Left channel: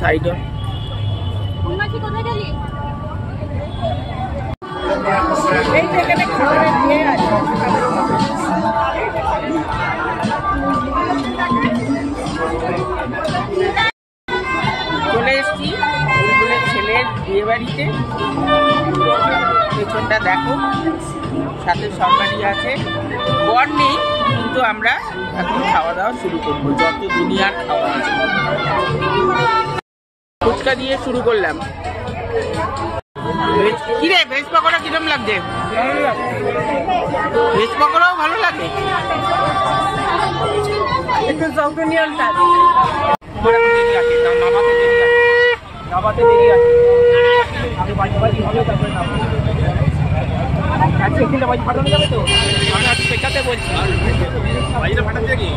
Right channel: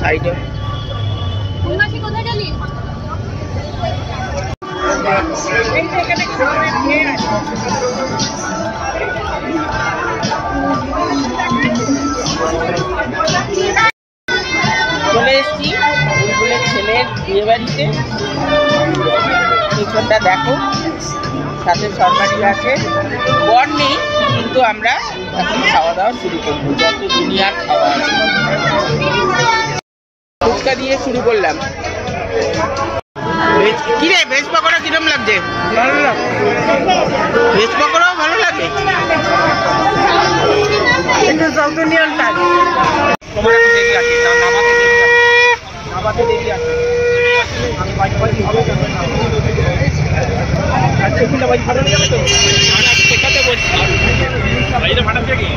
সাইডে চলে এসছি বুলবুলের ছেলের বিয়ে বাড়িতে। পেছনটা দেখো, সাথে সরকারি আছে, বর নেই, কিন্তু আমরা এখন খাওয়া দাওয়া শুরু করবো, যত দুনিয়ার খাওয়া আছে। ফুচকা দিয়ে শুরু করলাম। কি রে, ভেজ পকোড়া কিরম লাগছে? ভালো লাগে। ভেজ পকোড়াও ভালো লাগে, একটু সাউথ ইন্ডিয়ান টাইপ। তোমার এখন দেরি আছে, নামাতে দেরি আছে, নামাতে দেরি আছে। আমি বাইরে বাইরে হবে আচ্ছা, কিলো বাইরে ভালো যাবে তো? আমি শেখাতে বলছি, বাইরে ভাড়া দিয়ে কি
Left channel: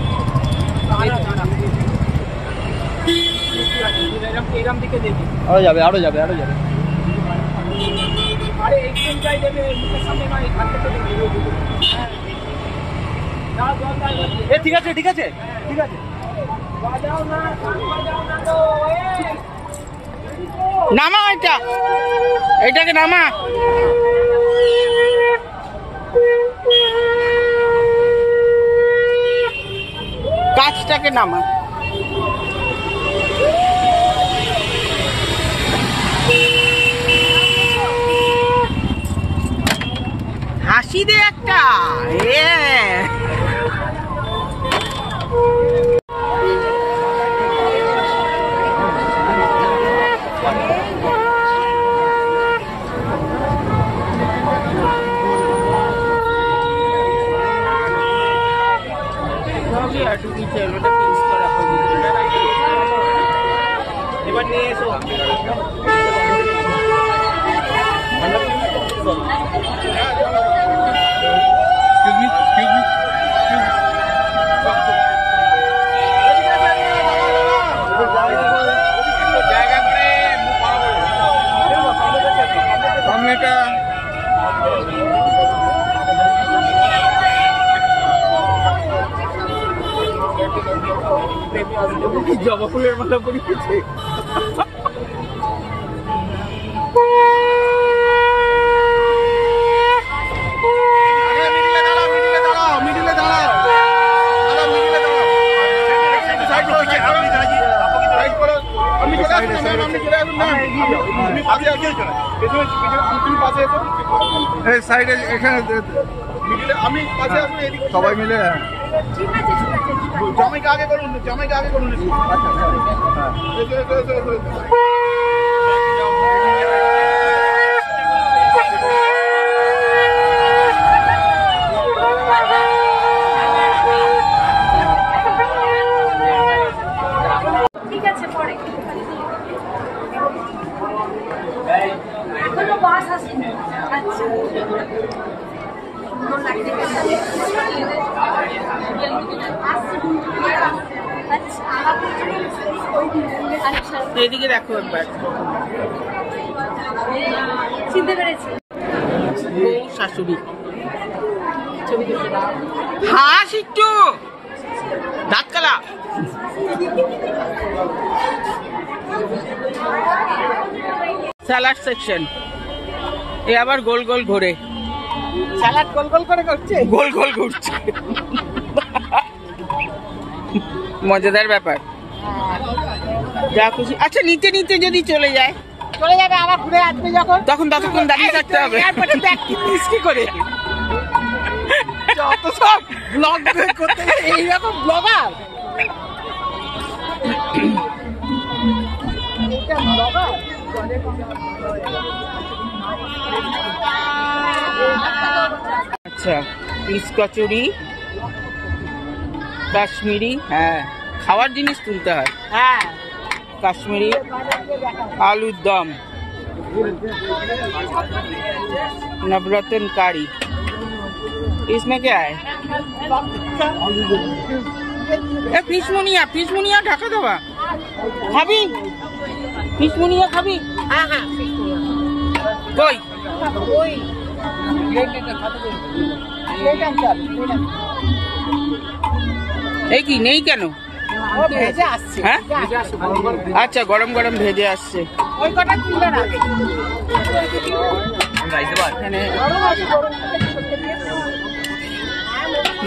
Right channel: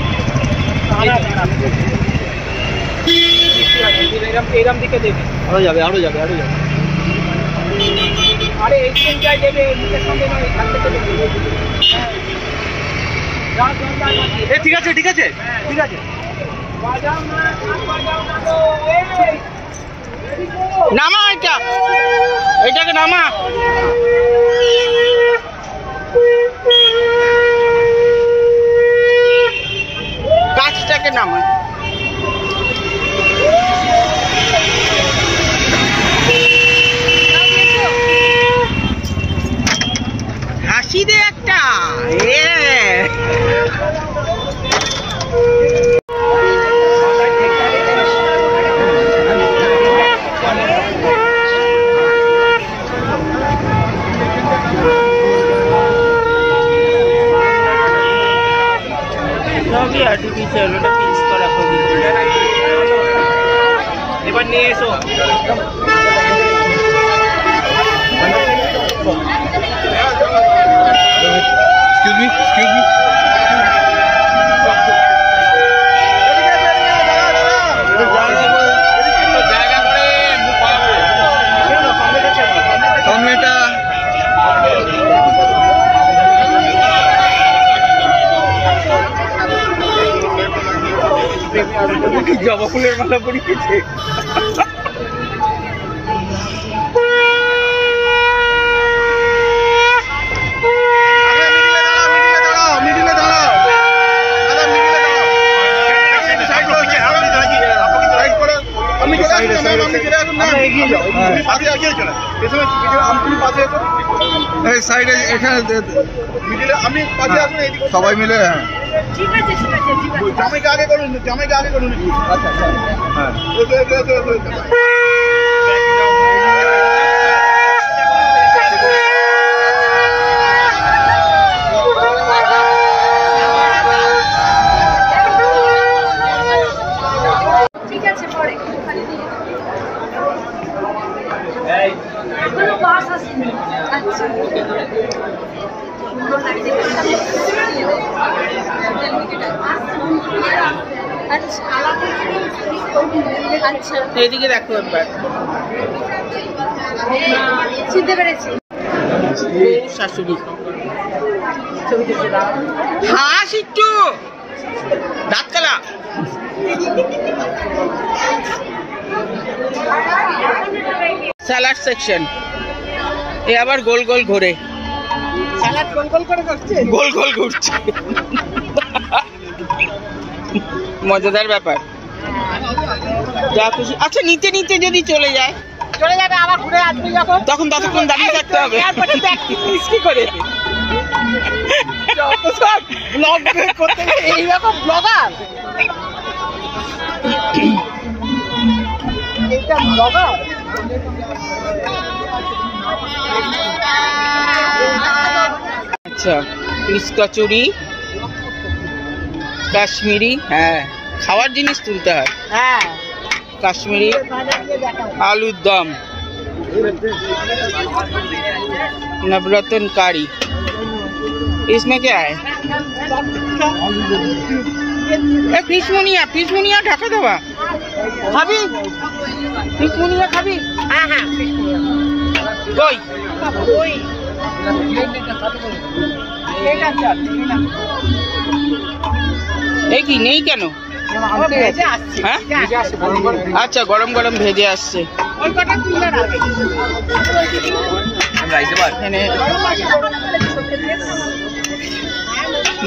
এরম দিকে দেবে, আরো যাবে আরো যাবে আরো যাবে। আরে এইখান যাই দেবে, মুখের সঙ্গে নয়, এখান থেকে দেবে। ঠিক আছে ঠিক আছে ঠিক আছে, বাজাও না বাজাও না তো। নামা এটাকে নামা। কাজটাকে নামা। হাসি দে একটা। সবই আর্টিফিশিয়াল, ওটা পিস করা হবে। এবার নিয়ে এসো। জবা ফুলের মালা পরিয়েছে। সবাই মিলে ঠিক আছে ঠিক আছে ঠিক আছে, জামাইকে আগে করুন, জামাইকে আগে করুন। আচ্ছা আচ্ছা, হ্যাঁ ঠিক আছে। পরে এখনো বাস আসেনি। আচ্ছা আচ্ছা, এদিকে দেখো একবার, চিনতে পেরেছি। বউ শাশুড়ি, হাস একটু, দাঁত কালা। স্যালাড সেকশন, এ আবার গোল গোল ঘোরে। স্যালাড গোল গোল করে করছে, গোল গোল ঘুরছে। মজাদার ব্যাপার, যা খুশি। আচ্ছা, নিতে নিতে যদি চলে যায়, চলে যাবে, আবার ঘুরে আসবে যখন, তখন ততক্ষণ দাঁড়িয়ে থাকতে হবে। কি করে ব্লগ করতে গেলে এইরকম ব্লগার, এইটা ব্লগার। আচ্ছা, পিস কচুরি, কাশ্মীরি, হ্যাঁ খাওয়ার জিনিস তুলতে হয়। হ্যাঁ, কাশ্মীরি, आलूर दम, नवरत्न कारी। इसमें क्या है? फिश मुनिया ढका देवा खाबी ফিশ মুড়িয়া খাবি? হ্যাঁ হ্যাঁ কই ওই এই কি নেই কেন? হ্যাঁ আচ্ছা, গরম গরম ভেজে আসছে। এখানে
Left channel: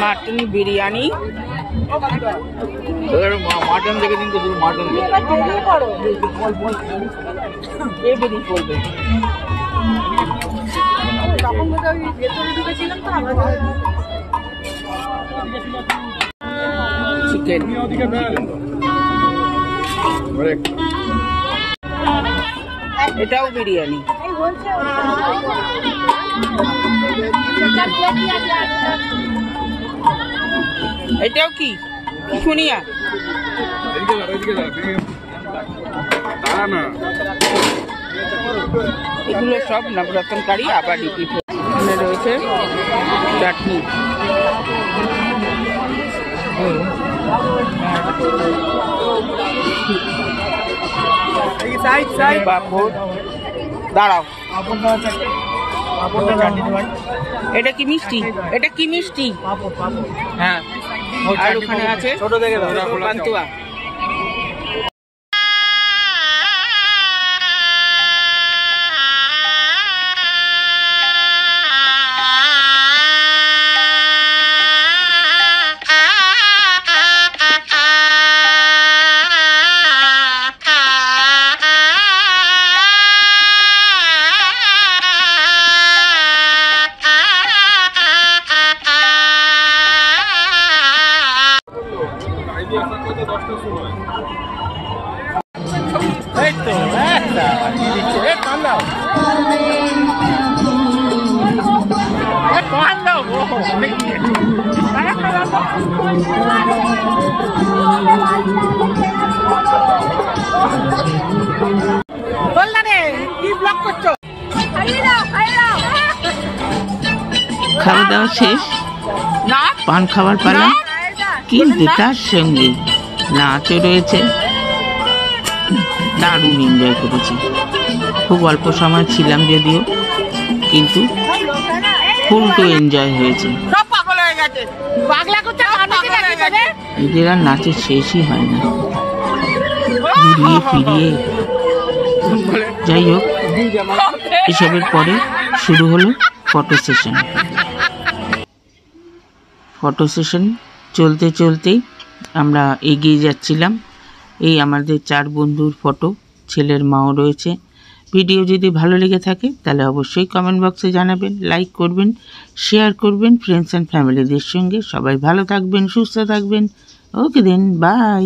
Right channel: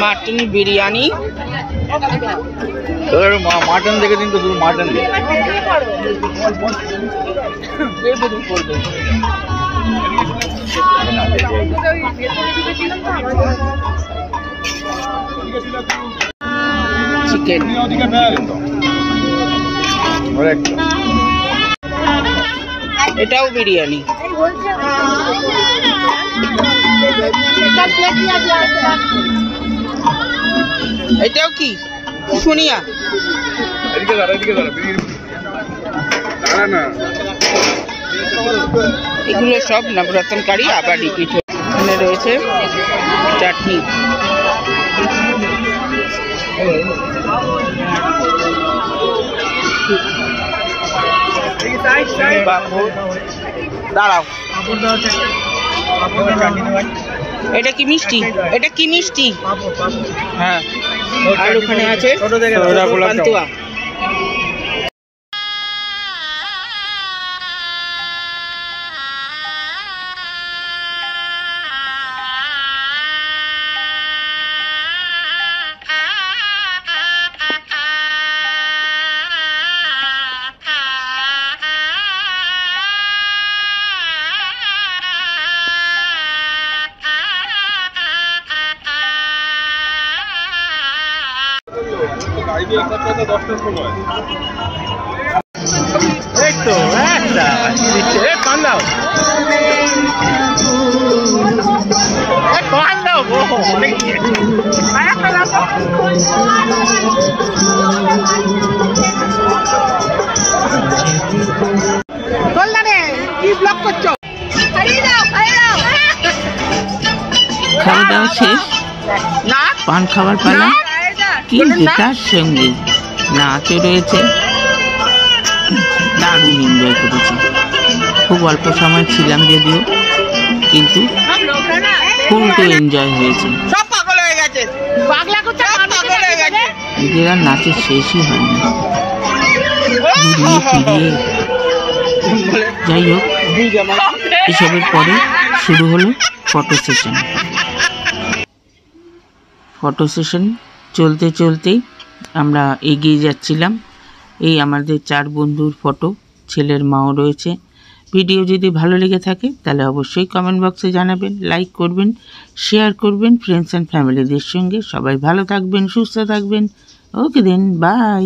মাটন বিরিয়ানি, মাটন দেখে দিন তো, শুধু মাটন পড়বে। চিকেন, এটাও বিরিয়ানি। এটাও কি শুনিয়া? এগুলো সব নবরত্ন কারি, আবার রিপিট। এখানে রয়েছে চাটনি, পাঁপড়। দাঁড়াও, এটা কি মিষ্টি? এটা কি মিষ্টি? হ্যাঁ, আর ওখানে আছে পান্তুয়া। খাওয়া দাওয়া শেষ, পান খাবার পালা, কিন্তু তার সঙ্গে নাচও রয়েছে। দারুণ এনজয় করেছি। খুব অল্প সময় ছিলাম যদিও, কিন্তু ফুল টু এনজয় হয়েছে। এদের আর নাচের শেষই হয় না, ঘুরিয়ে ফিরিয়ে। যাই হোক, এসবের পরে শুরু হলো ফটো সেশন। ফটো সেশন চলতে চলতেই আমরা এগিয়ে যাচ্ছিলাম। এই আমাদের 4 বন্ধুর ফটো, ছেলের মাও রয়েছে। ভিডিও যদি ভালো লেগে থাকে তাহলে অবশ্যই কমেন্ট বক্সে জানাবেন, লাইক করবেন, শেয়ার করবেন ফ্রেন্ডস অ্যান্ড ফ্যামিলিদের সঙ্গে। সবাই ভালো থাকবেন, সুস্থ থাকবেন। ওকে দেন, বাই।